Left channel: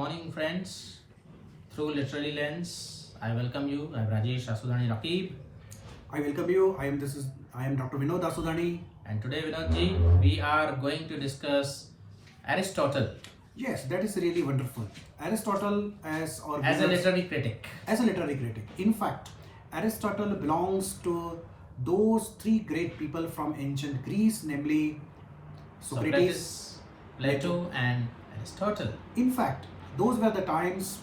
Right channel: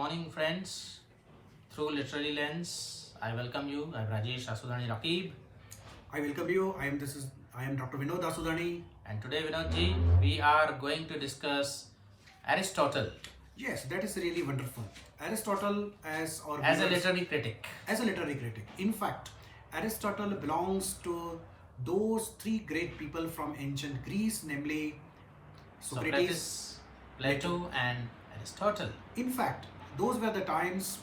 morning, friends. Through Literary Lens, I welcome you. I'm Rajesh Asudani Raqeeb. I welcome you. I am Dr. Vinod Asudani. And today, Vinodji, we are going to discuss Aristotle Yes, that is really wonderful. Aristotle as a literary critic. In fact, Aristotle belongs to those three great people from ancient Greece, namely Socrates, Plato, and Aristotle. In fact, those were the times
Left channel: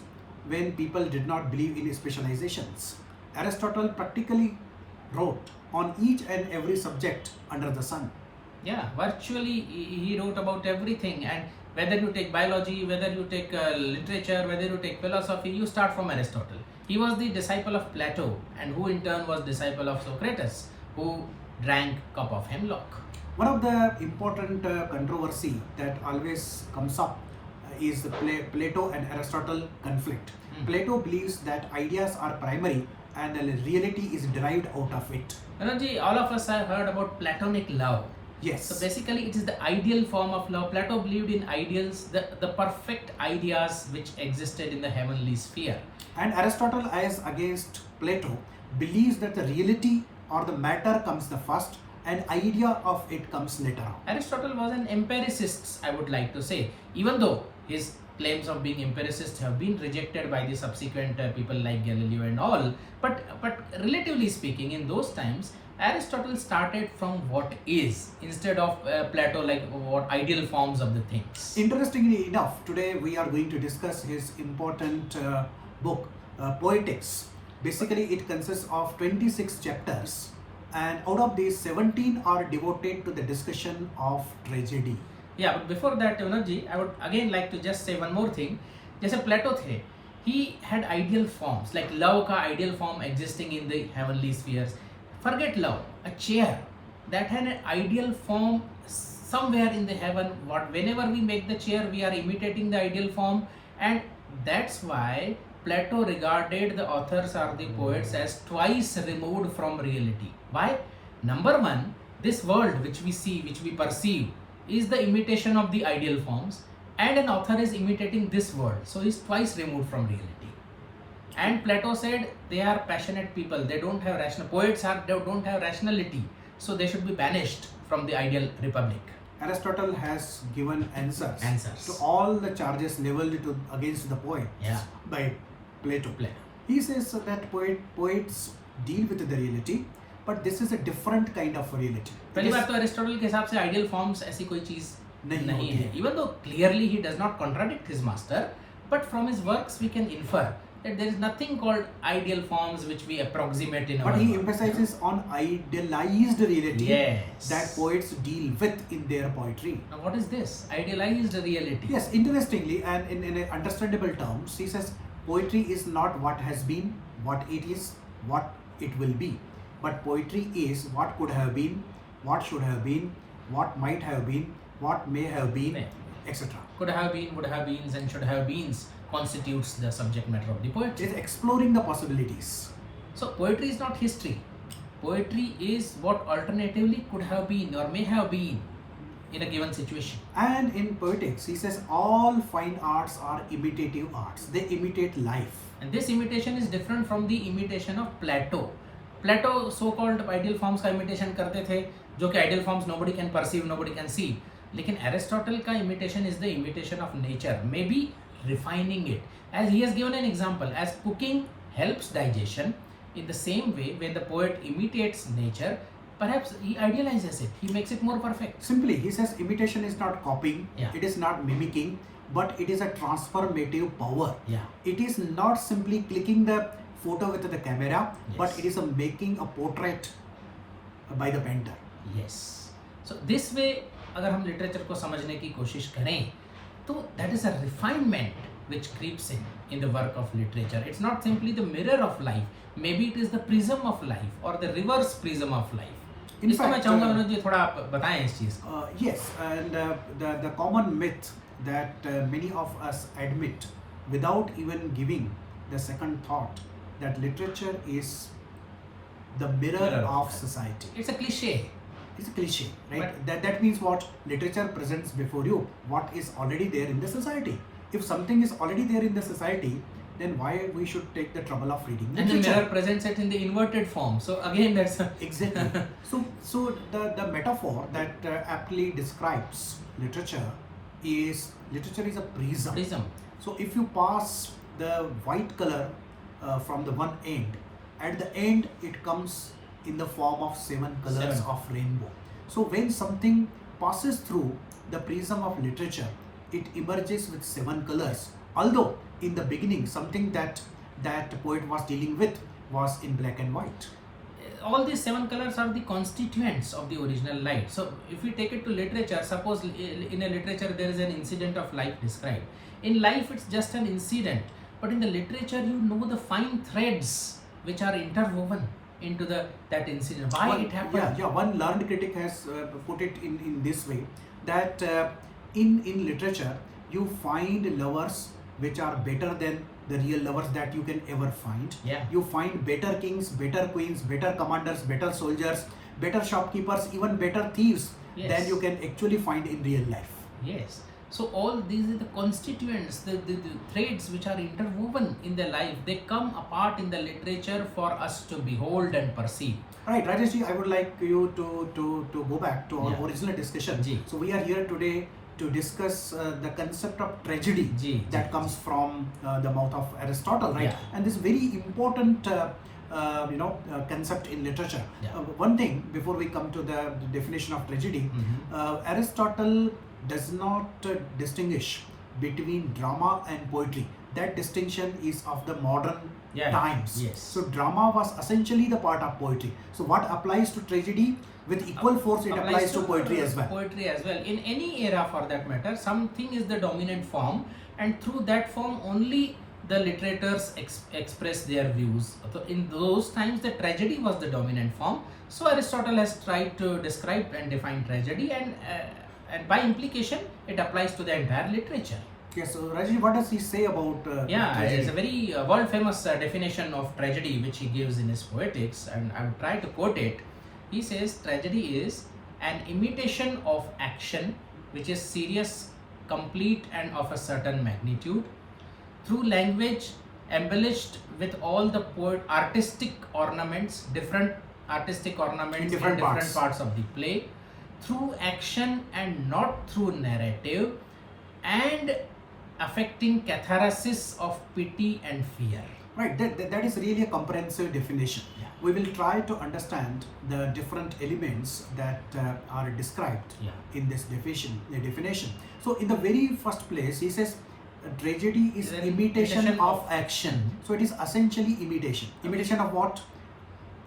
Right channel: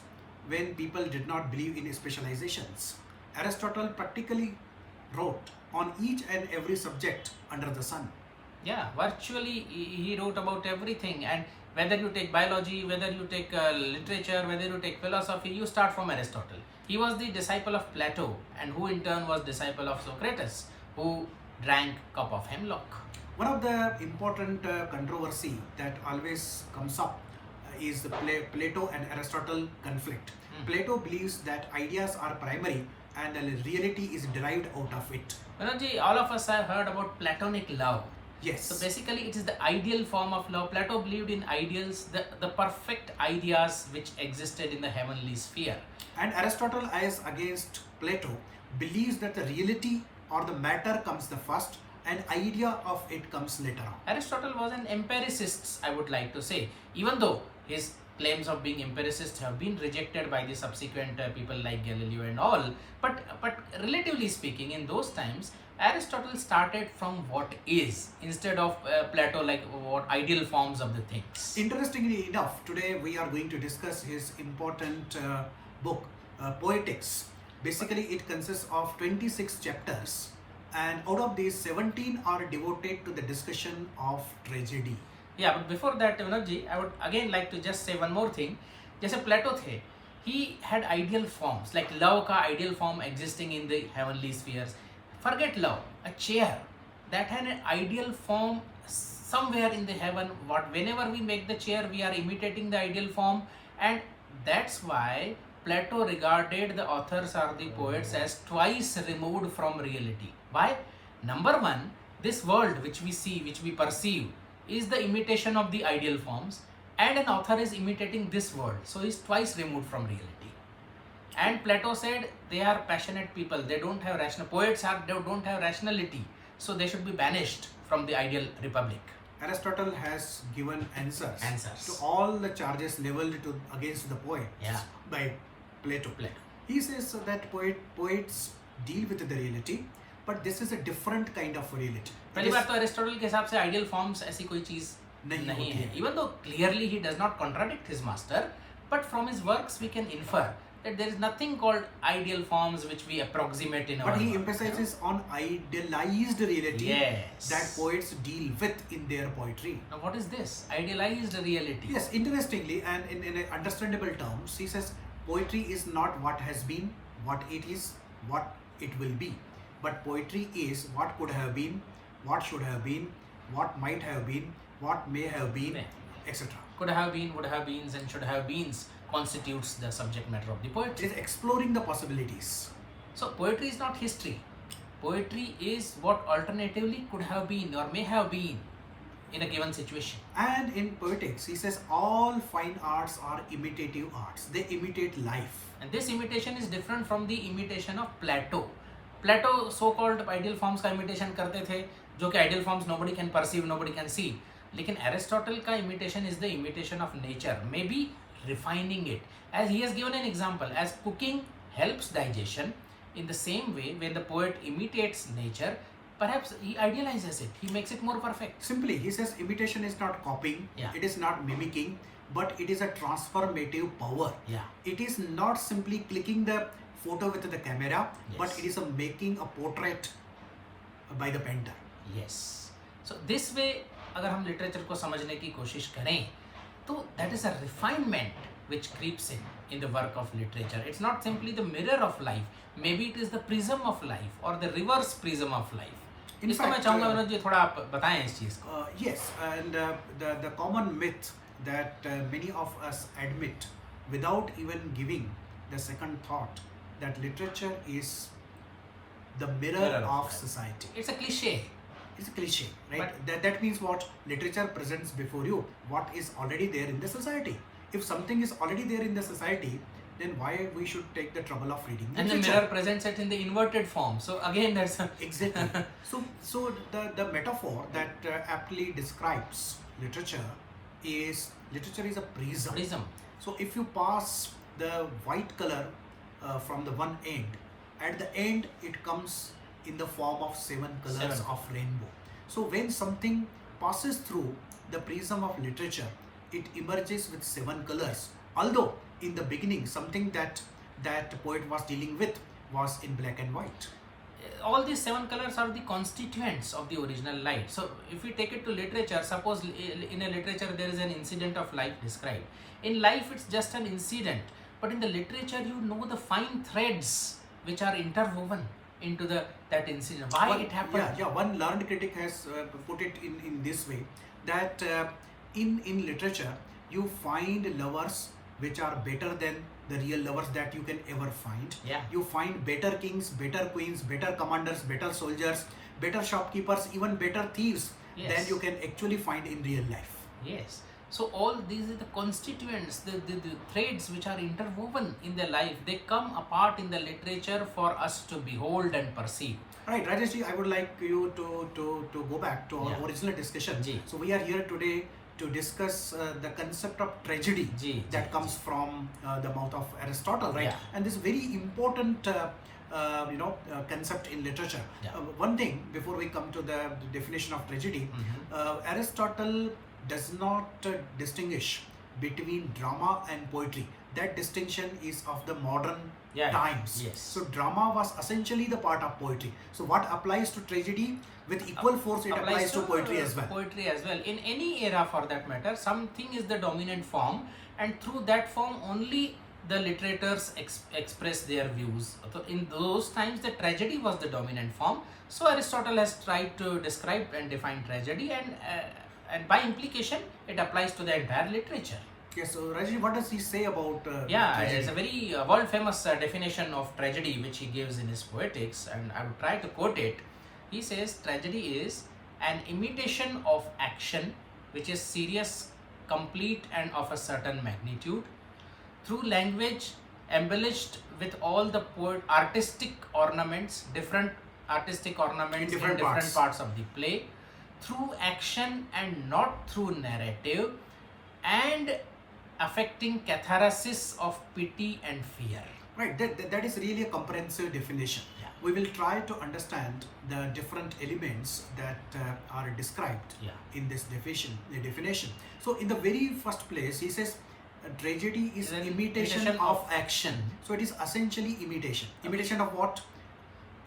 when people did not believe in specializations. Aristotle practically wrote on each and every subject under the sun. Yeah, virtually he wrote about everything, and whether you take biology, whether you take literature, whether you take philosophy, you start from Aristotle. He was the disciple of Plato, and who in turn was disciple of Socrates, who drank cup of hemlock. One of the important controversy that always comes up is the Plato and Aristotle conflict. Plato believes that ideas are primary and the reality is derived out of it. Manojji, all of us have heard about Platonic love. Yes. So basically it is the ideal form of love. Plato believed in ideals, the perfect ideas which existed in the heavenly sphere. And Aristotle, as against Plato, believes that the reality or the matter comes the first and idea of it comes later on. Aristotle was an empiricist, I would like to say, even though his claims of being empiricist have been rejected by the subsequent people like Galileo and all, but relatively speaking, in those times, Aristotle started from what is instead of Plato, like what ideal forms of the things. Interestingly enough, today we are going to discuss his important book, Poetics. Basically, it consists of 26 chapters, and out of these, 17 are devoted to the discussion of tragedy. Yeah, but before that, Vinodji, I would again like to just say one more thing. जैसे Plato थे, he had ideal forms, like love का ideal form existing in the heavenly spheres. Forget love, a chair that had an ideal form somewhere in the heaven. Whenever we make the chair, we are imitating the ideal form, and that's why Plato regarded the authors or the poets as twice removed from reality. Why? Number one, this world which we see, which we perceive, is the imitation of the ideal forms, and an author is imitating this world, so he's twice removed from reality. And Plato said they are passionate people, they don't have don't have rationality, so they should be banished from the ideal republic. Aristotle has given answers to all the charges leveled against the poets by Plato. He says that poets deal with the reality, but this is a different kind of reality. पहली बात तो Aristotle के हिसाब से ideal forms ऐसी कोई चीज नहीं है. Even though clearly he does not contradict his master, but from his works we can infer that there is nothing called ideal forms which we approximate in our But he emphasizes on idealized reality Yes. that poets deal with in their poetry. Now what is this? Idealized reality. Yes, interestingly and in understandable terms, he says poetry is not what has been, what it is, what it will be. But poetry is what could have been, what should have been, what might have been, what may have been, etc. Could have been, would have been, and should have been constitutes the subject matter of the poetry. It is exploring the possibilities. So poetry is not history. Poetry is what alternatively could have been or may have been in a given situation. And in poetics, he says all fine arts are imitative arts. They imitate life. And this imitation is different from the imitation of Plato. Plato so-called ideal forms का imitation करते थे, जो कि ideal forms nobody can perceive, nobody can see. लेकिन Aristotle का imitation is the imitation of nature, maybe refining it. As he has given an example, as cooking helps digestion, in the same way when the poet imitates nature, perhaps he idealizes it, he makes it more perfect. Simply, he says imitation is not copying, it is not mimicking, but it is a transformative power. It is not simply clicking the photo with the camera, but it is making a portrait by the painter. Yes. So this way, अगर हम literature को समझने की कोशिश करें, तो that is a refinement which creeps in the work of literature. It's not simply the mirror of life. Maybe it is the prism of life or the reverse prism of life. In fact, मैं चाहूँगा विनोद जी थोड़ा आप बताएं इस चीज़ को. Yes, and the common myth that many of us admit without even giving the second thought that literature is the mirror of society. It's a cliche. It's a cliche, right? That means what? Literature presents before you what is already there in the society. If something is already there in the society, then why we should take the trouble of reading And the literature? mirror presents it in the inverted form. So again, that's a Exactly. So the metaphor that aptly describes literature is a prism. prism. So if you pass the white color from the one end, at the end it comes in the form of 7 colors Seven. of rainbow. So when something passes through the prism of literature, it emerges with 7 colors. Although in the beginning, something that poet was dealing with was in black and white. All these 7 colors are the constituents of the original light. So if we take it to literature, suppose in a literature there is an incident of life described. In life it's just an incident, but in the literature you know the fine threads which are interwoven into that incident. Why it happened? One learned critic has put it in this way, that in literature you find lovers which are better than the real lovers that you can ever find. Yeah. You find better kings, better queens, better commanders, better soldiers, better shopkeepers, even better thieves Yes. than you can actually find in real life. Yes. So all these are the constituents, the threads which are interwoven in the life. They come apart in the literature for us to behold and perceive. Right, Rajesh, I would like you to go back to our Yeah. original discussion. Ji. So we are here today to discuss the concept of tragedy Ji, that ji, comes from the mouth of Aristotle, right? Yeah. And this very important concept in literature. Yeah. One thing before we come to the definition of tragedy, Aristotle does not distinguish between drama and poetry. That distinction is of the modern Yeah, times. yes. So drama was essentially the part of poetry. So what applies to tragedy, with equal force it applies to poetry as well. Poetry as well. In any era for that matter, something is the dominant form, and through that form only the literators express their views. So in those times the tragedy was the dominant form. So Aristotle has tried to describe and define tragedy, and by implication it applies to the entire literature. Yes, so Rajesh, what does he say about tragedy? There's a very world famous definition of tragedy which he gives in his poetics, and I will try to quote it. He says tragedy is an imitation of action which is serious, complete and of a certain magnitude, through language embellished with all the artistic ornaments, different artistic ornaments In different parts of the play, through action and not through narrative, and affecting catharsis of pity and fear. Right, that is really a comprehensive definition. Yeah. We will try to understand the different elements that are described in this definition. So in the very first place, he says tragedy is An imitation imitation of of- action. So it is essentially imitation. Imitation of what?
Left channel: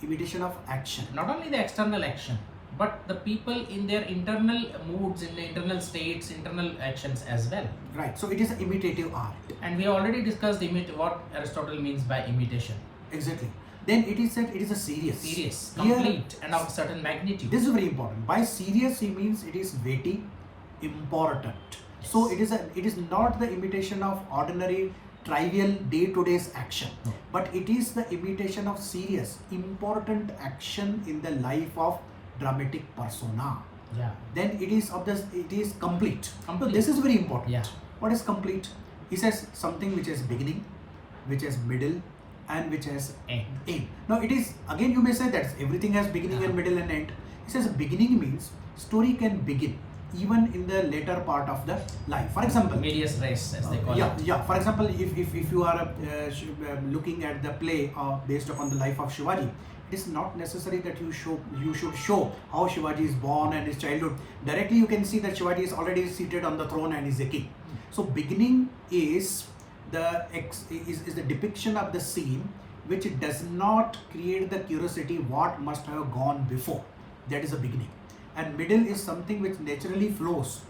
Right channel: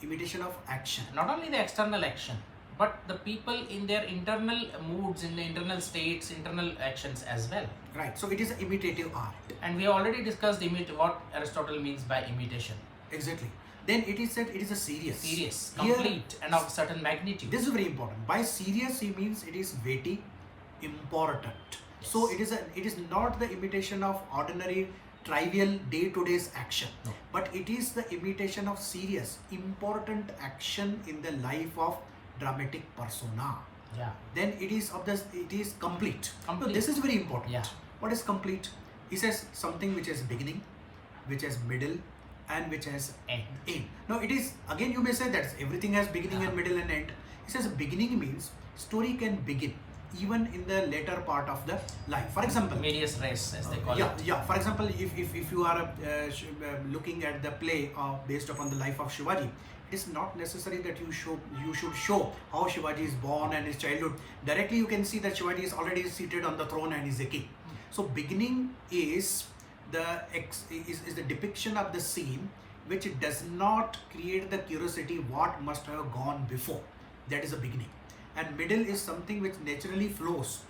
Imitation of action. Not only the external action, but the people in their internal moods, in the internal states, internal actions as well. Right, so it is an imitative art. And we already discussed what Aristotle means by imitation. Exactly. Then it is said it is a serious. Serious, Here, complete, and of certain magnitude. this is very important. By serious, he means it is weighty, important. So it is not the imitation of ordinary, trivial, day-to-day action, No. but it is the imitation of serious, important action in the life of dramatic persona. Yeah. Then it is complete. So Complete. this is very important. Yeah. What is complete? He says something which is beginning, which is middle, and which has end. Now it is, again you may say that everything has beginning and middle and end. He says beginning means story can begin even in the later part of the life. For example, Medias res, as they call it. For example, if you are looking at the play based upon the life of Shivaji, it is not necessary that you should show how Shivaji is born and his childhood. Directly you can see that Shivaji is already seated on the throne and is a king. So beginning is the depiction of the scene which does not create the curiosity what must have gone before. That is the beginning. And middle is something which naturally flows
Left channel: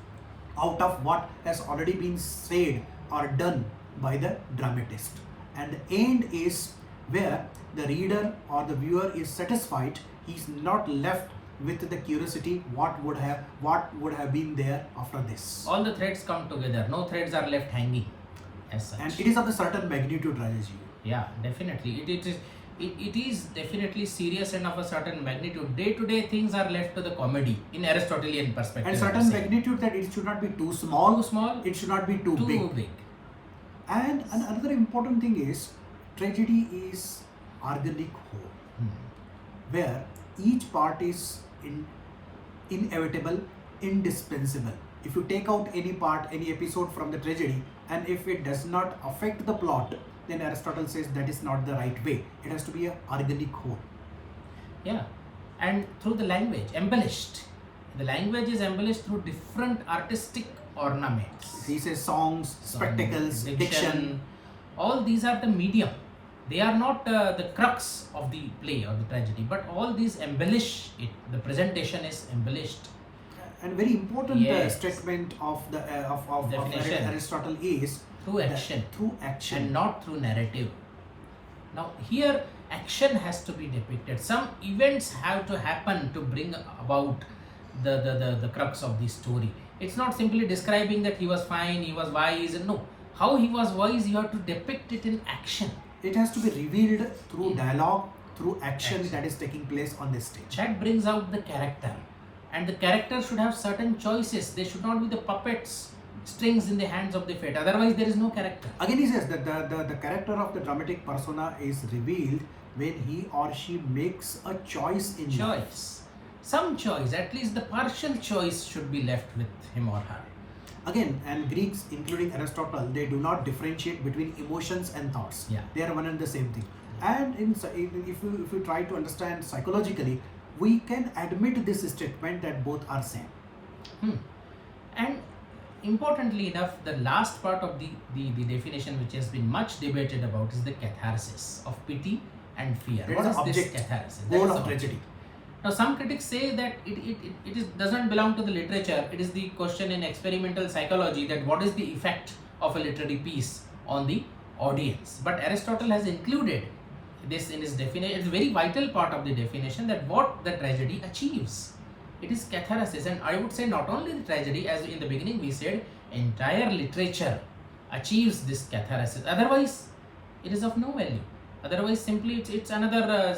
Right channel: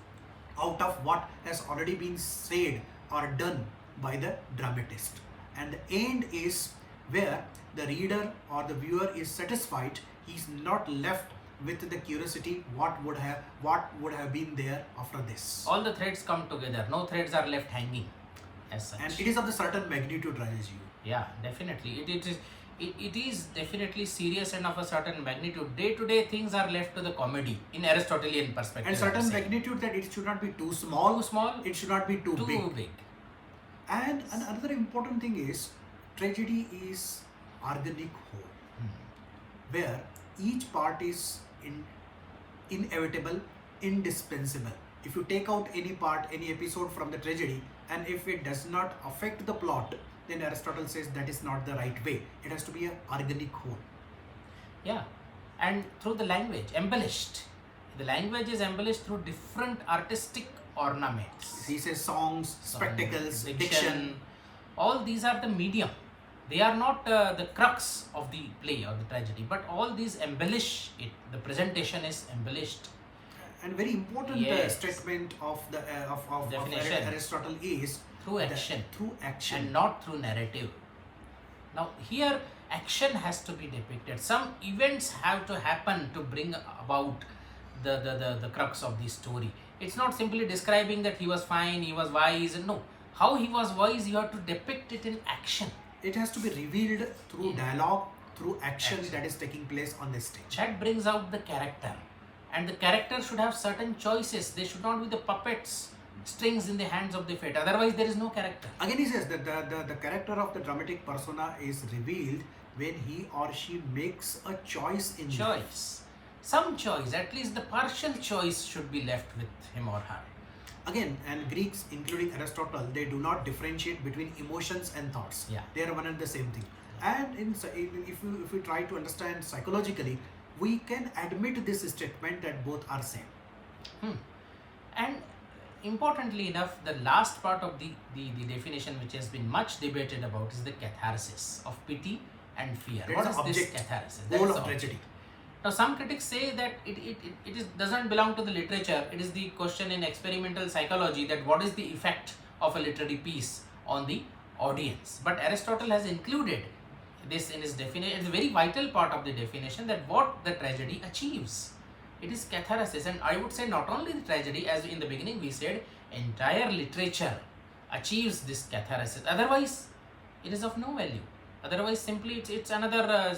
out of what has already been said or done by the dramatist. And the end is where the reader or the viewer is satisfied. He is not left with the curiosity what would have been there after this. All the threads come together. No threads are left hanging as such. And it is of the certain magnitude, Rajesh. Yeah, definitely. It is definitely serious and of a certain magnitude. Day-to-day things are left to the comedy in Aristotelian perspective. And certain magnitude, that it should not be too small. Too small, It should not be too big. And another important thing is tragedy is organic whole, where each part is inevitable, indispensable. If you take out any part, any episode from the tragedy, and if it does not affect the plot, then Aristotle says that is not the right way. It has to be an organic whole. Yeah, and through the language, embellished. The language is embellished through different artistic ornaments. He says songs, spectacles, diction. All these are the medium. They are not the crux of the play or the tragedy, but all these embellish it. The presentation is embellished. And very important Yes. statement of the of Definition. Aristotle is Through that action. through action. And not through narrative. Now here action has to be depicted. Some events have to happen to bring about the crux of the story. It's not simply describing that he was fine, he was wise. No, how he was wise, you have to depict it in action. It has to be revealed through dialogue, through action that is taking place on the stage. That brings out the character, and the character should have certain choices. They should not be the puppets, strings in the hands of the fate. Otherwise there is no character. Again, he says that the character of the dramatic persona is revealed when he or she makes a choice in life. Choice, some choice, at least the partial choice should be left with him or her. Again, and Greeks, including Aristotle, they do not differentiate between emotions and thoughts. Yeah. They are one and the same thing. And if we try to understand psychologically, we can admit this statement that both are same. And importantly enough, the last part of the definition, which has been much debated about, is the catharsis of pity and fear. That What is is the this object, catharsis? goal That is of the tragedy. object. Now, some critics say that it doesn't belong to the literature. It is the question in experimental psychology that what is the effect of a literary piece on the audience. But Aristotle has included this in his definition. It's a very vital part of the definition that what the tragedy achieves. It is catharsis, and I would say not only the tragedy, as in the beginning we said, entire literature achieves this catharsis. Otherwise, it is of no value. Otherwise, simply it's another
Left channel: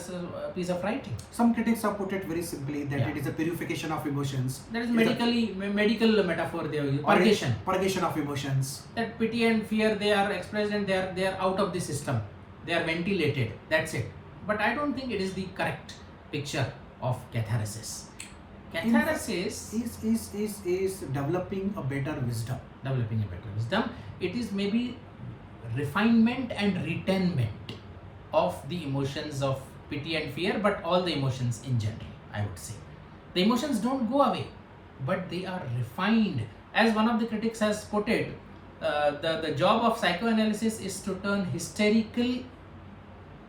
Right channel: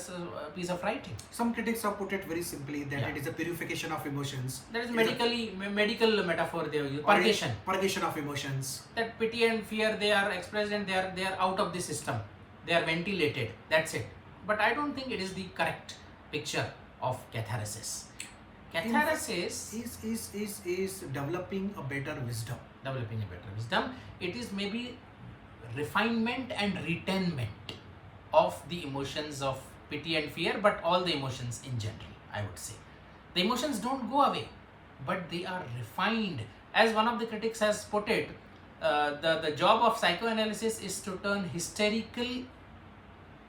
piece of writing. Some critics have put it very simply that Yeah. it is a purification of emotions. That is It medical metaphor they use. a Purgation. purgation of emotions. That pity and fear, they are expressed and they are out of the system. They are ventilated. That's it. But I don't think it is the correct picture of catharsis. Catharsis, Is developing a better wisdom. developing a better wisdom. It is maybe refinement and retainment of the emotions of pity and fear, but all the emotions in general, I would say. The emotions don't go away, but they are refined. As one of the critics has put it, the job of psychoanalysis is to turn hysterical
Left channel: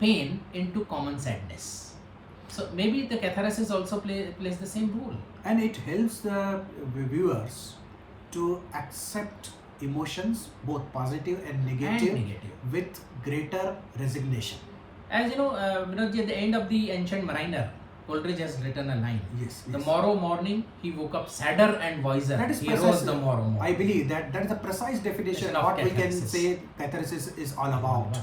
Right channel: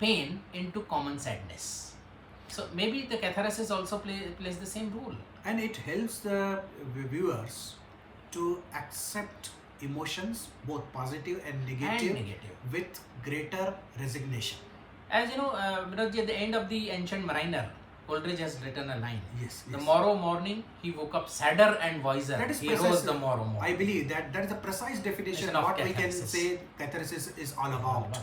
pain into common sadness. So maybe the catharsis also plays the same role. And it helps the viewers to accept emotions, both positive and negative, with greater resignation. As you know, Vinodji, at the end of the Ancient Mariner, Coleridge has written a line. Yes. The morrow morning, he woke up sadder and wiser. That is he precisely, rose the morrow morning. I believe that is a precise definition of Of what we can catharsis. say catharsis is all about.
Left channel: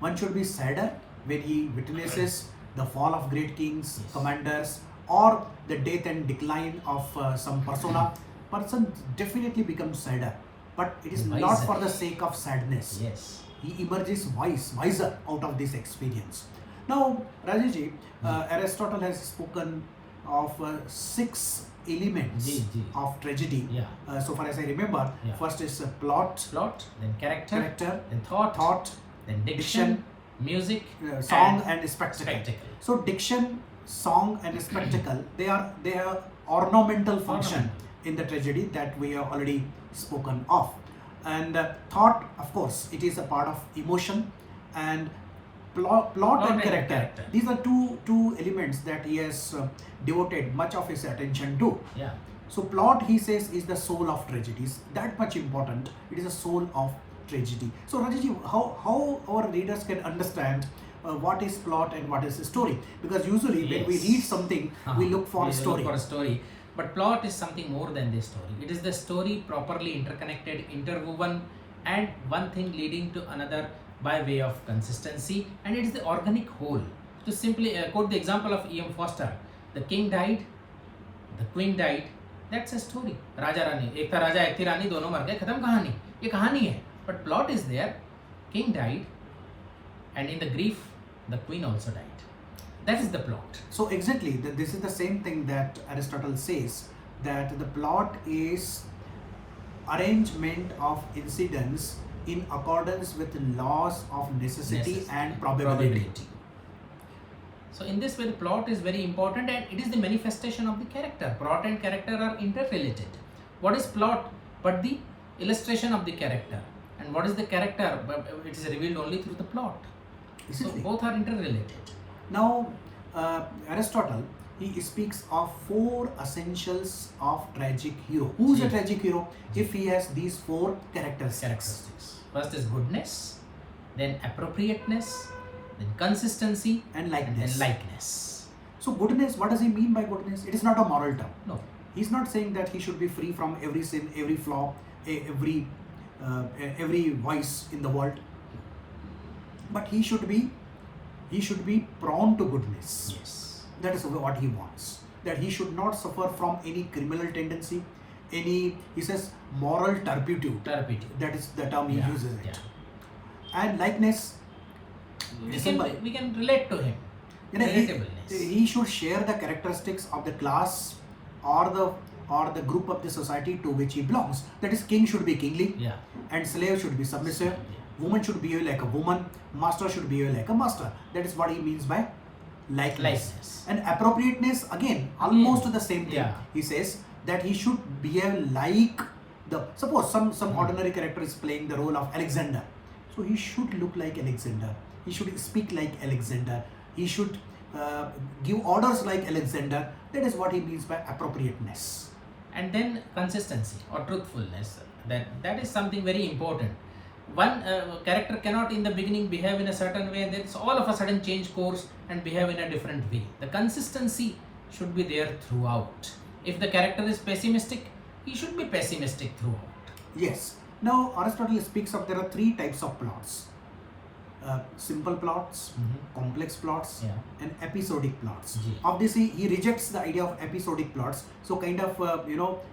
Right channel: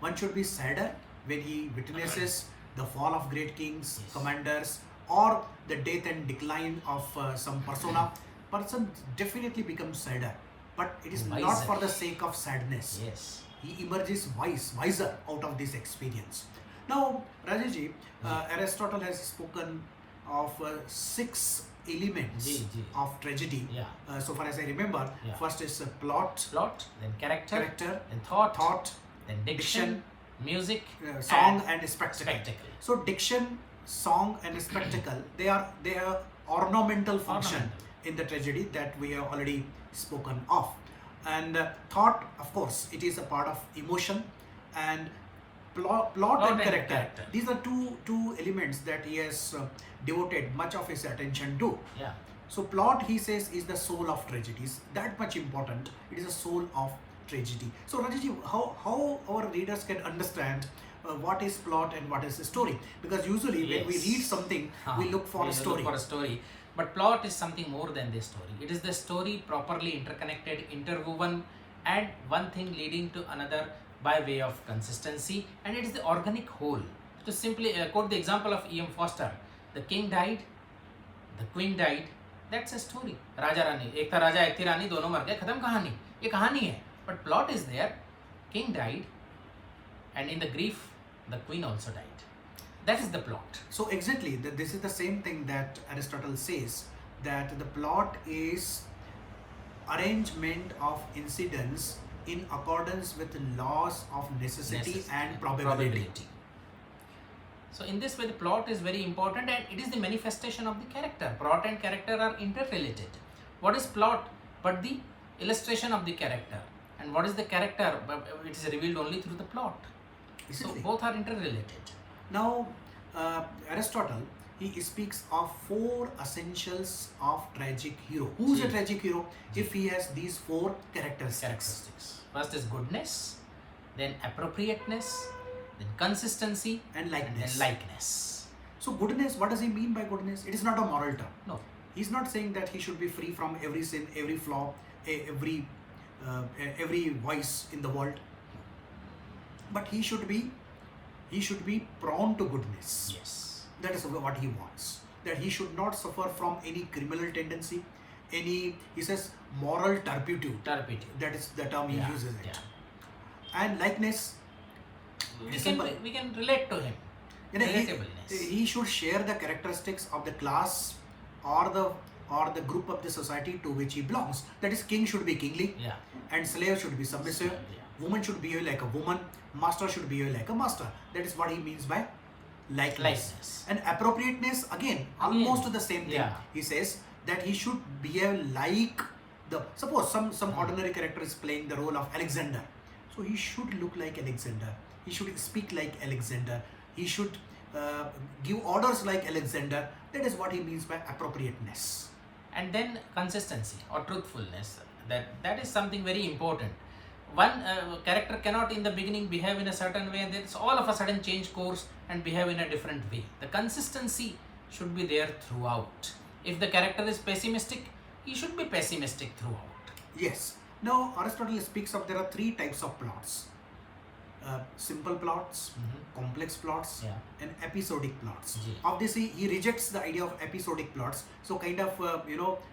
One should be sadder when he witnesses the fall of great kings, Yes. commanders, or the death and decline of some persona. Person definitely becomes sadder, but it is not Wiser. for the sake of sadness. Yes. He emerges wiser out of this experience. Now, Rajeshji, Aristotle has spoken of 6 elements Ji. of tragedy. Yeah. So far as I remember, Yeah. first is plot, Plot, then character, then thought, then diction, music, song, and spectacle. spectacle. So diction, song, and spectacle, they are ornamental function in the tragedy that we have already spoken of. And thought, of course, it is a part of emotion, and plot and character. These are two elements that he has devoted much of his attention to. Yeah. So plot, he says, is the soul of tragedies. That much important. It is the soul of tragedy. So Rajesh, how our readers can understand what is plot and what is a story? Because usually when we Yes. read something, we look for a story. Look for a story. But plot is something more than the story. It is the story properly interconnected, interwoven, and one thing leading to another by way of consistency, and it is the organic whole. To simply quote the example of E.M. Foster, the king died, the queen died, that's a story. Raja Rani, एक था राजा एक थी रानी, दोनों मर गए, खत्म कहानी. ये कहानी है. But plot is there. king died, and in the grief, the queen also died. That is the plot. So exactly, this is the same thing that Aristotle says, that the plot is arrangement of incidents in accordance with laws of necessity and probability. So in this way, the plot is very important, and it is the manifestation of the character. Plot and character are interrelated. What is plot but the illustration of the character? And what is the character? But it is revealed only through the plot. Exactly. So both are interrelated. Now, Aristotle, he speaks of 4 essentials of tragic hero. Who is a tragic hero? If he has these 4 characteristics. First is goodness, then appropriateness, then consistency, and likeness. So goodness, what does he mean by goodness? It is not a moral term. No. He's not saying that he should be free from every sin, every flaw, every vice in the world. But he should be prone to goodness. Yes. That is what he wants. That he should not suffer from any criminal tendency, he says moral turpitude. That is the term he uses it. And likeness, we can relate to him. He should share the characteristics of the class or the group of the society to which he belongs. That is, king should be kingly, and slave should be submissive. Woman should behave like a woman. Master should behave like a master. That is what he means by likeness. And appropriateness, again, almost the same thing. He says that he should behave like suppose some ordinary character is playing the role of Alexander. So he should look like Alexander. He should speak like Alexander. He should give orders like Alexander. That is what he means by appropriateness. And then consistency or truthfulness. That is something very important. One character cannot in the beginning behave in a certain way and then all of a sudden change course and behave in a different way. The consistency should be there throughout. If the character is pessimistic, he should be pessimistic throughout. Yes. Now Aristotle speaks of there are 3 types of plots. Simple plots, complex plots, and episodic plots. Obviously, he rejects the idea of episodic plots. So kind of,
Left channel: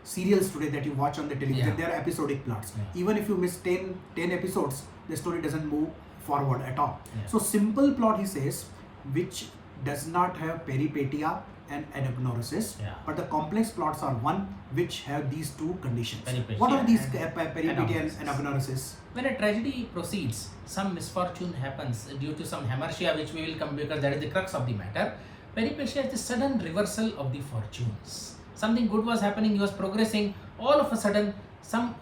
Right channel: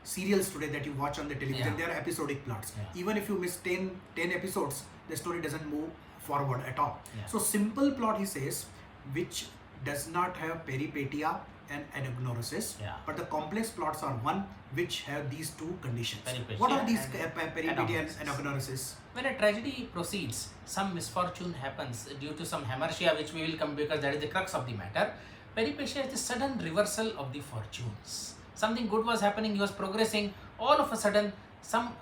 serials today that you watch on the television, they are episodic plots. Even if you miss 10 episodes, the story doesn't move forward at all. So simple plot, he says, which does not have peripeteia and anagnorisis, but the complex plots are one which have these 2 conditions. What are these peripeteia and anagnorisis? When a tragedy proceeds, some misfortune happens due to some hamartia, which we will come because that is the crux of the matter. Peripeteia is the sudden reversal of the fortunes. Something good was happening, he was progressing, all of a sudden some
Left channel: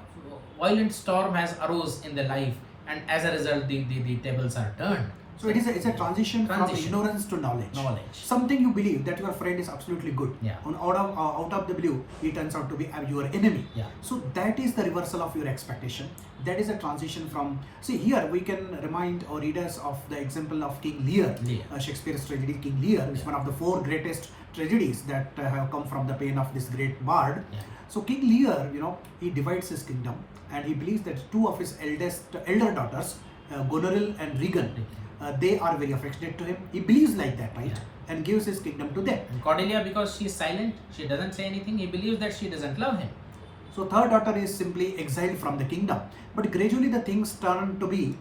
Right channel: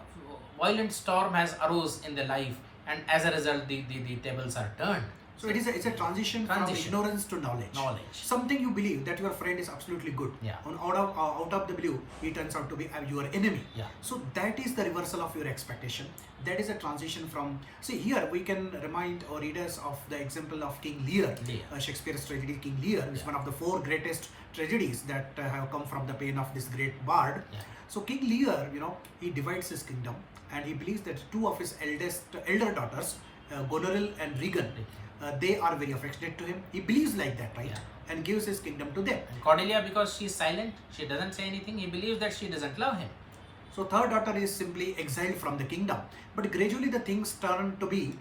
violent storm has arose in the life, and as a result the tables are turned. So it's a transition from ignorance to knowledge. Something you believe that your friend is absolutely good. And out of the blue, he turns out to be your enemy. So that is the reversal of your expectation. That is a transition from. See, here we can remind our readers of the example of King Lear. Shakespeare's tragedy King Lear is one of the 4 greatest tragedies that have come from the pen of this great bard. So King Lear, he divides his kingdom, and he believes that 2 of his elder daughters, Goneril and Regan, they are very affectionate to him. He believes like that, right? And gives his kingdom to them. And Cordelia, because she is silent, she doesn't say anything, he believes that she doesn't love him. So third daughter is simply exiled from the kingdom. But gradually the things turn to be,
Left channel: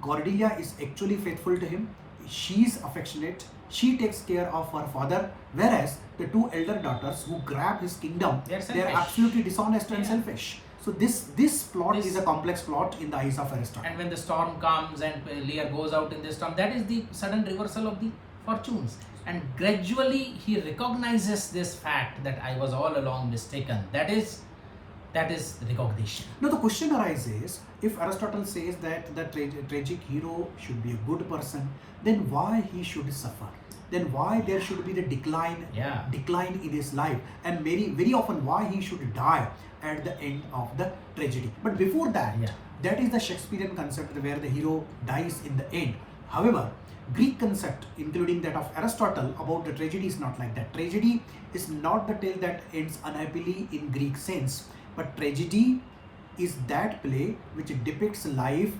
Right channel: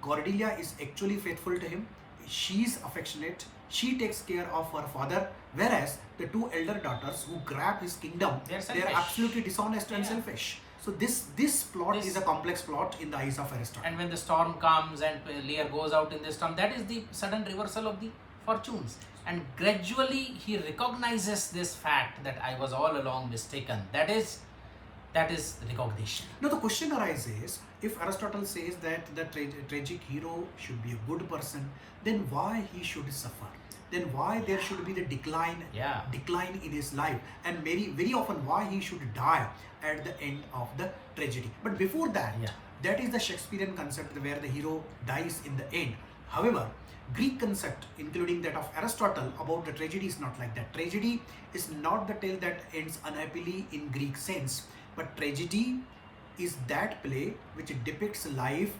Cordelia is actually faithful to him. She is affectionate. She takes care of her father. Whereas the 2 elder daughters who grab his kingdom, they are absolutely dishonest and selfish. So this plot is a complex plot in the eyes of Aristotle. And when the storm comes and Lear goes out in the storm, that is the sudden reversal of the fortunes. And gradually he recognizes this fact that I was all along mistaken. That is recognition. Now the question arises, if Aristotle says that the tragic hero should be a good person, then why he should suffer? Then why there should be the decline in his life, and very often why he should die at the end of the tragedy. But before that, that is the Shakespearean concept where the hero dies in the end. However, Greek concept, including that of Aristotle about the tragedy, is not like that. Tragedy is not the tale that ends unhappily in Greek sense, but tragedy is that play which depicts life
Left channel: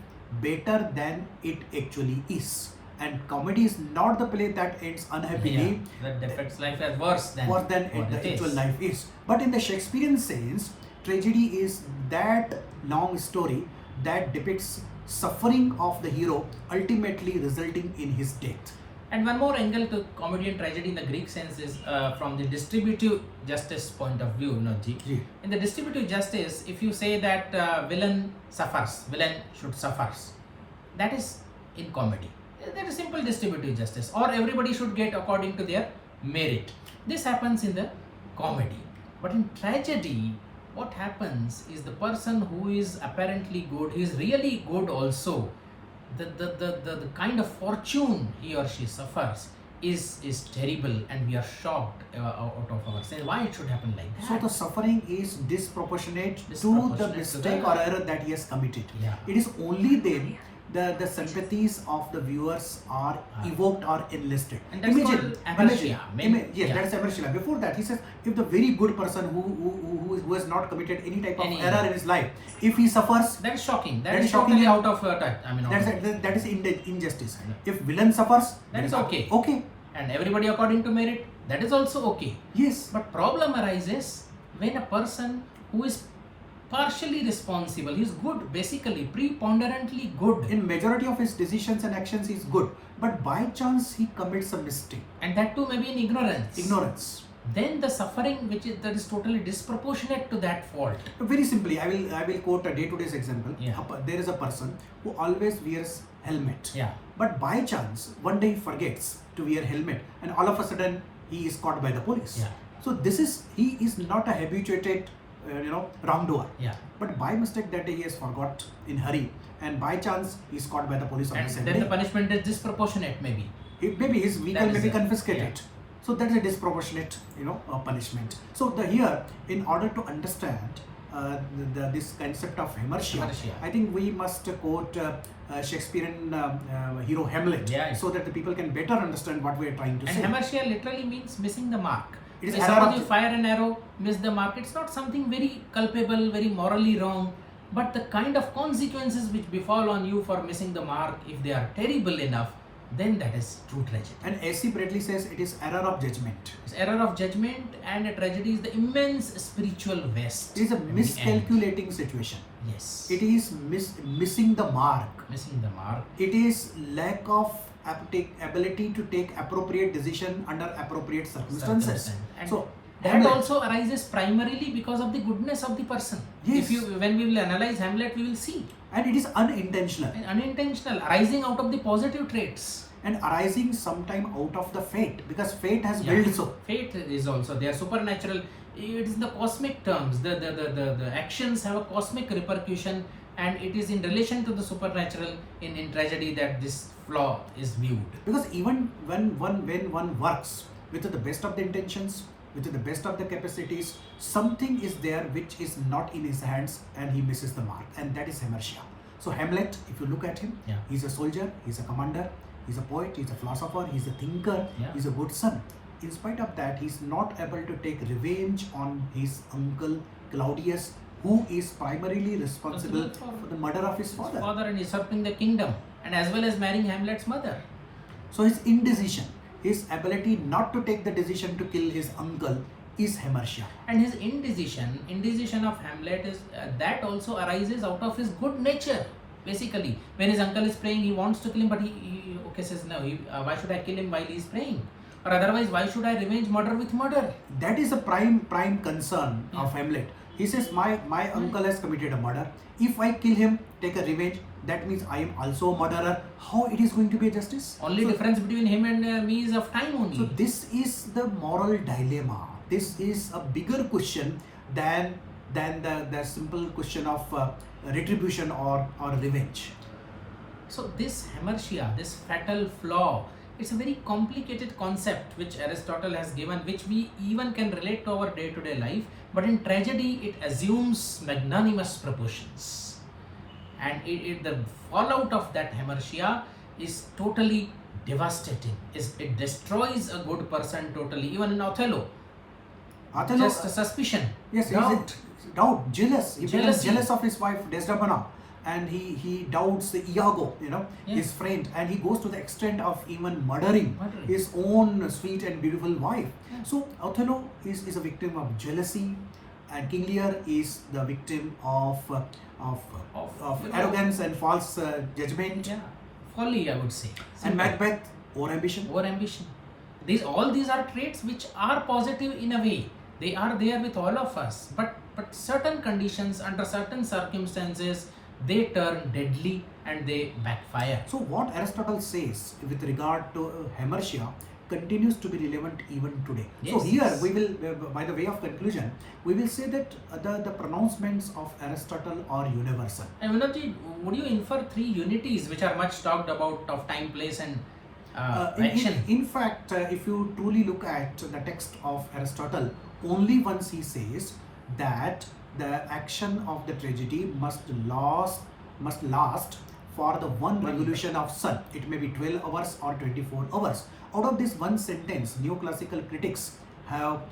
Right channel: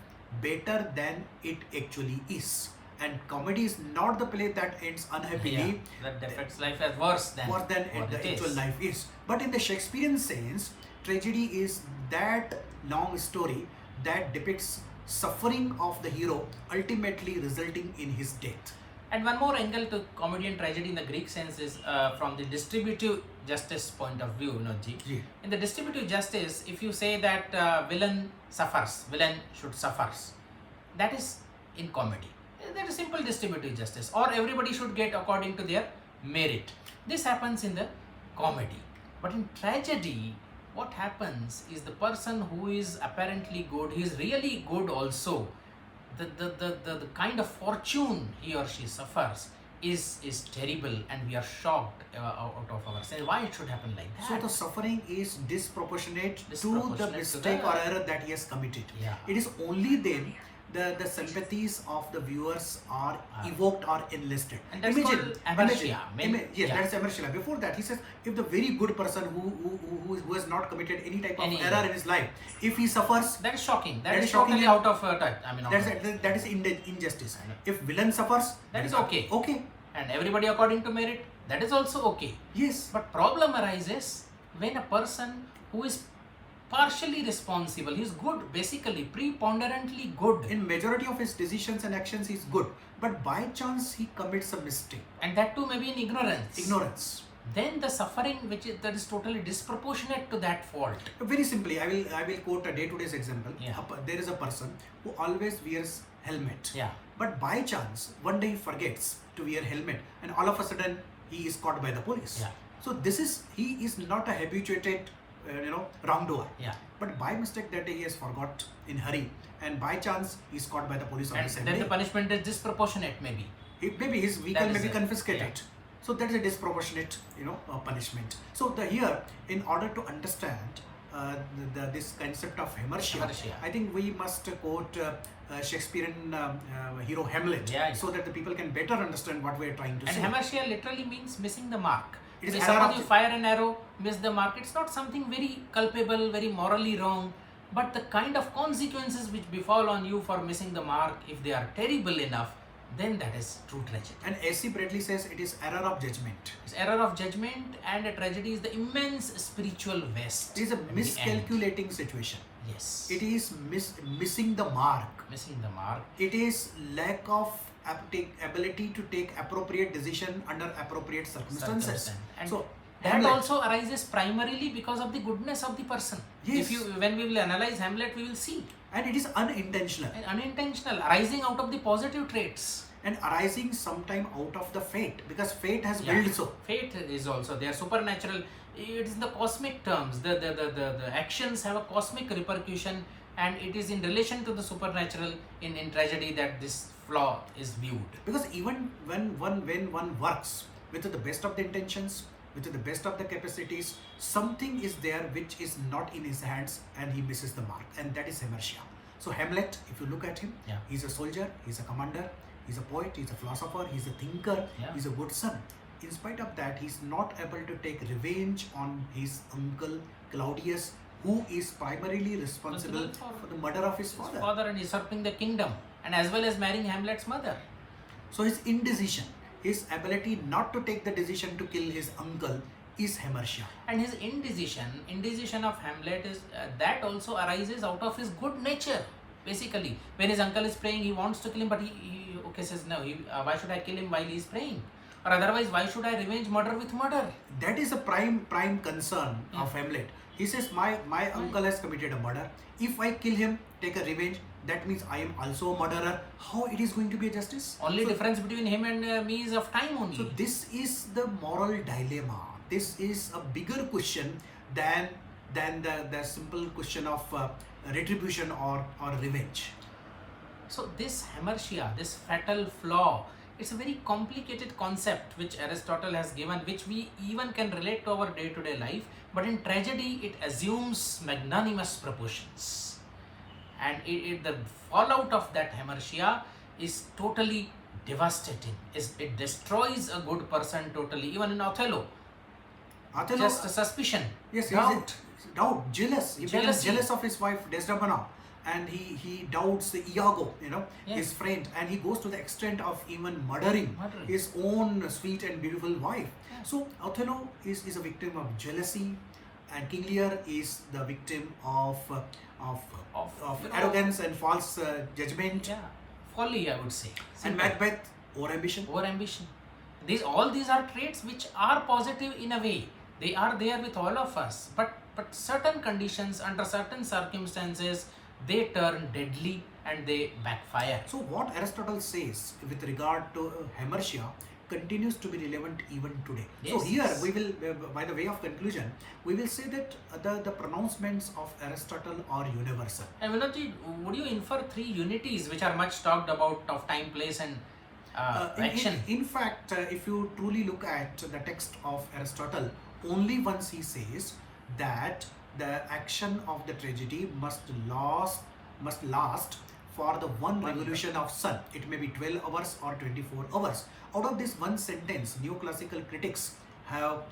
better than it actually is. And comedy is not the play that ends unhappily, that depicts life as worse than the actual life is. But in the Shakespearean sense, tragedy is that long story that depicts suffering of the hero, ultimately resulting in his death. And one more angle to comedy and tragedy in the Greek sense is from the distributive justice point of view, Vinodji. Ji. In the distributive justice, if you say that villain suffers, villain should suffers, that is in comedy. That is simple distributive justice. Or everybody should get according to their merit. This happens in the comedy. But in tragedy, what happens is the person who is apparently good, he is really good also. The kind of fortune he or she suffers is terrible, and we are shocked out of our sense. Why it should happen like that? So the suffering is disproportionate to the mistake or error that he has committed. Yeah. It is only then the sympathies of the viewers are evoked or enlisted. And that's called amercia. That's amercia. Before that, he says, if the very good person who has not committed any type of error in his life, if he suffers, that is shocking. That is totally shocking. out of touch. I mean, that is injustice. If villain suffers, that is okay. Okay. And everybody according to merit, that is also okay. Yes. But problem arises when a person who is partially responsible, he is good, basically preponderantly good, In majority of his decisions and actions, he is good, but by chance he commits a mistake. and that too maybe in ignorance. Ignorance. Then the suffering that is totally disproportionate to that fault. Very simply, I will quote a day-to-day example. Yeah. There is a person who always wears helmet. Yeah. But by chance, one day he forgets to wear helmet, and all of a sudden he is caught by the police. Yeah. So he is not a habituated, wrongdoer. Yeah. But by mistake that day he has forgot in hurry, and by chance he is caught by the police on And the same then day. the punishment is disproportionate maybe. Maybe his vehicle That may is be it. confiscated. Yeah. So that is a disproportionate, punishment. So here, in order to understand this concept of hamertia, Hamertia. I think we must quote Shakespearean hero Hamlet, Yeah. so that the people can better understand what we are trying to And say. hamertia literally means missing the mark. It is If error suppose of- you fire an arrow, miss the mark, it's not something very culpable, very morally wrong, but the kind of consequences which befall on you for missing the mark, if they are terrible enough, then that is true tragedy. And A.C. Bradley says it is error of judgment. It's error of judgment, and a tragedy is the immense spiritual waste. It is a at the end. miscalculating situation. Yes. It is missing the mark. Missing the mark. It is lack of ability to take appropriate decision under appropriate circumstances. And So that Hamlet- also arises primarily because of the goodness of the person. Yes. When we will analyze Hamlet, we will see. and it is unintentional And unintentional, arising out of the positive traits. and arising sometime out of the fate, because fate has Yeah. willed so. Fate is also there, supernatural. It is in the cosmic terms. The actions have a cosmic repercussion, and it is in relation to the supernatural in tragedy that this flaw is viewed. Because even when one works with the best of the intentions, with the best of the capacities, something is there which is not in his hands, and he misses the mark, and that is hamertia. So Hamlet, if you look at him, Yeah. he's a soldier, he's a commander, he's a poet, he's a philosopher, he's a thinker, Yeah. he's a good son. In spite of that, he's not able to take revenge on his uncle Claudius, who is primarily responsible for the murder of his father. And usurping the kingdom, and as well as marrying Hamlet's mother. So his indecision, his ability not to take the decision to kill his uncle, is hamertia. And his indecision of Hamlet is that also arises out of his good nature. Basically, when his uncle is praying, he wants to kill him, but he says no. Why should I kill him while he is praying? Or otherwise, why should I revenge murder with murder? That is a prime concern of Hamlet. He says, my uncle has committed a murder. If I kill him, take a revenge, that means I am also a murderer. How it is going to be a justice? Only difference between him and me is of time only. So this is the moral dilemma. This is a bigger question than the simple question of retribution or revenge. So this hamertia, this fatal flaw, it's a very complicated concept which Aristotle has given, which we even can relate to our day-to-day life. But in tragedy, it assumes magnanimous proportions, and the fallout of that hamertia is totally devastating. It destroys a good person totally. Even in Othello, just a suspicion, Yes, doubt, jealous. He becomes Jealousy. jealous of his wife Desdemona, and he doubts Iago, his friend, and he goes to the extent of even murdering his own sweet and beautiful wife. Yeah. So Othello is a victim of jealousy, and King Lear is the victim of of arrogance and false judgment. Yeah, folly, I would say. And Simple. Macbeth, over ambition. Over ambition. All these are traits which are positive in a way. They are there with all of us, but certain conditions, under certain circumstances, they turn deadly and they backfire. So what Aristotle says with regard to Hamartia continues to be relevant even today. Yes, so here yes. we will, by the way of conclusion, we will say that the pronouncements of Aristotle are universal. And Vinodji, would you infer three unities which are much talked about of time, place and action? In fact, if you truly look at the text of Aristotle, only once he says that the action of the tragedy must last for the one revolution of sun. It may be 12 hours or 24 hours. Out of this one sentence, neoclassical critics have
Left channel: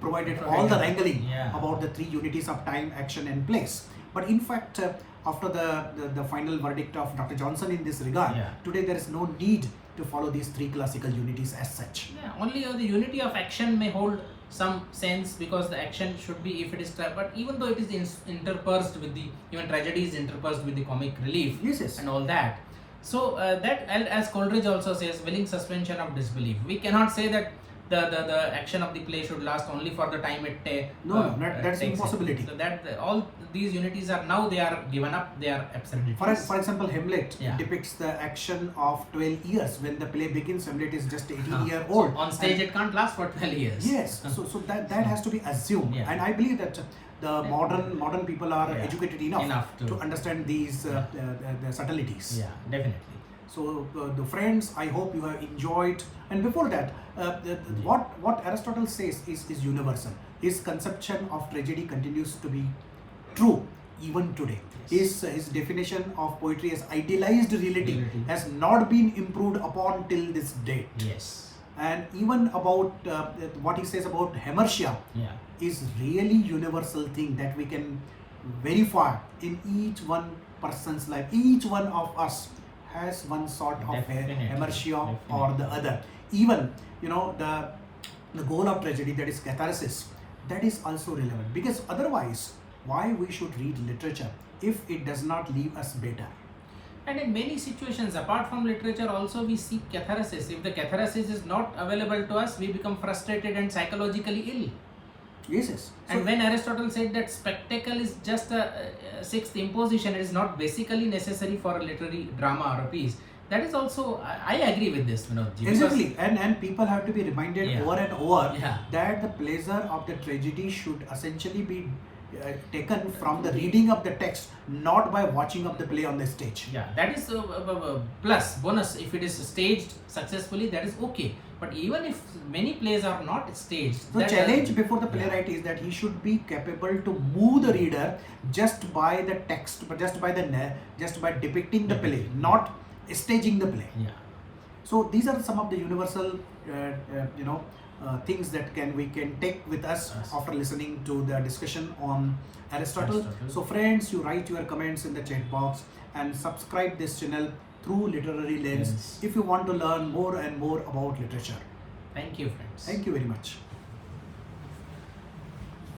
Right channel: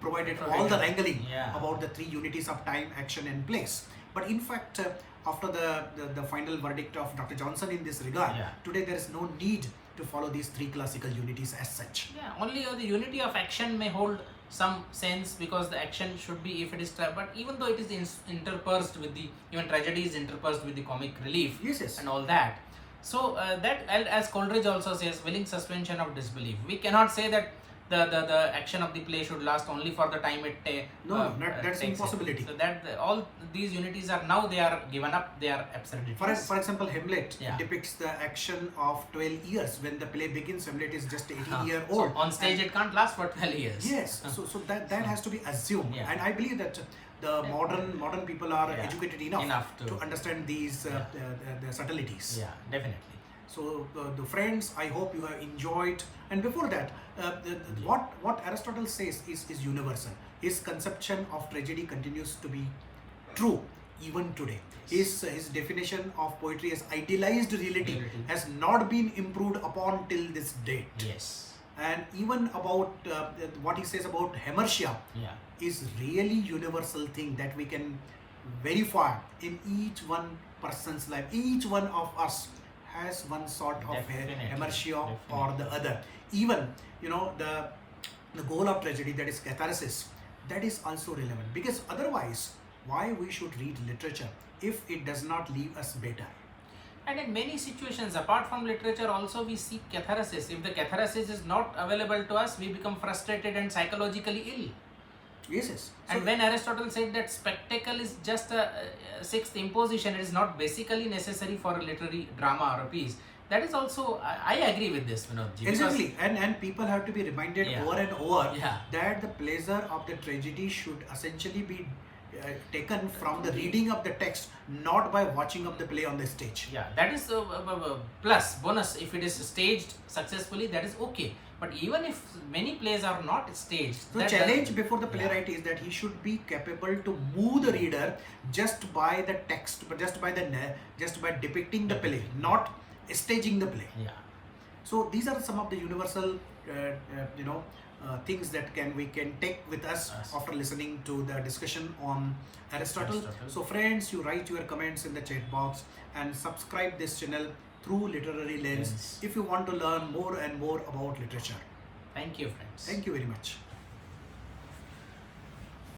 provided all the wrangling about the three unities of time, action and place. But in fact, after the final verdict of Dr. Johnson in this regard, today there is no need to follow these three classical unities as such. Yeah, only the unity of action may hold some sense, because the action should be, if it is, but even though it is interspersed with the, even tragedy is interspersed with the comic relief, Yes. and all that. So that, as Coleridge also says, willing suspension of disbelief. We cannot say that the action of the play should last only for the time it takes. That's impossibility. So that all these unities are now, they are given up, they are absurdities. For example, Hamlet depicts the action of 12 years. When the play begins, Hamlet is just 18 years old. So on stage it can't last for 12 years. Yes, so that has to be assumed, and I believe that the modern people are educated enough to understand these the subtleties. Yeah, definitely. So the friends, I hope you have enjoyed. And before that, what Aristotle says is universal. His conception of tragedy continues to be true even today. His definition of poetry as idealized reality has not been improved upon till this date. Yes. And even about what he says about Hamartia is really universal thing that we can verify in each one person's life. Each one of us has one sort of Hamartia or the other. Even the goal of tragedy, that is catharsis, that is also relevant, because otherwise why we should read literature if it does not leave us better? And in many situations, apart from literature, also we seek catharsis. If the catharsis is not available to us, we become frustrated and psychologically ill. Yes. And when Aristotle said that spectacle is just a sixth imposition, it is not basically necessary for a literary drama or a piece. That is also, I agree with this, Vinodji. Exactly, and people have to be reminded over and over that the pleasure of the tragedy should essentially be taken from the reading of the text, not by watching of the play on the stage. Yeah, that is plus, bonus. If it is staged successfully, that is okay. But even if many plays are not staged, the challenge before the playwright is that he should be capable to move the reader just by the text, but just by depicting the play, not staging the play. So these are some of the universal things that we can take with us after listening to the discussion on Aristotle. So friends, you write your comments in the chat box and subscribe this channel through Literary Lens if you want to learn more and more about literature. Thank you, friends. Thank you very much.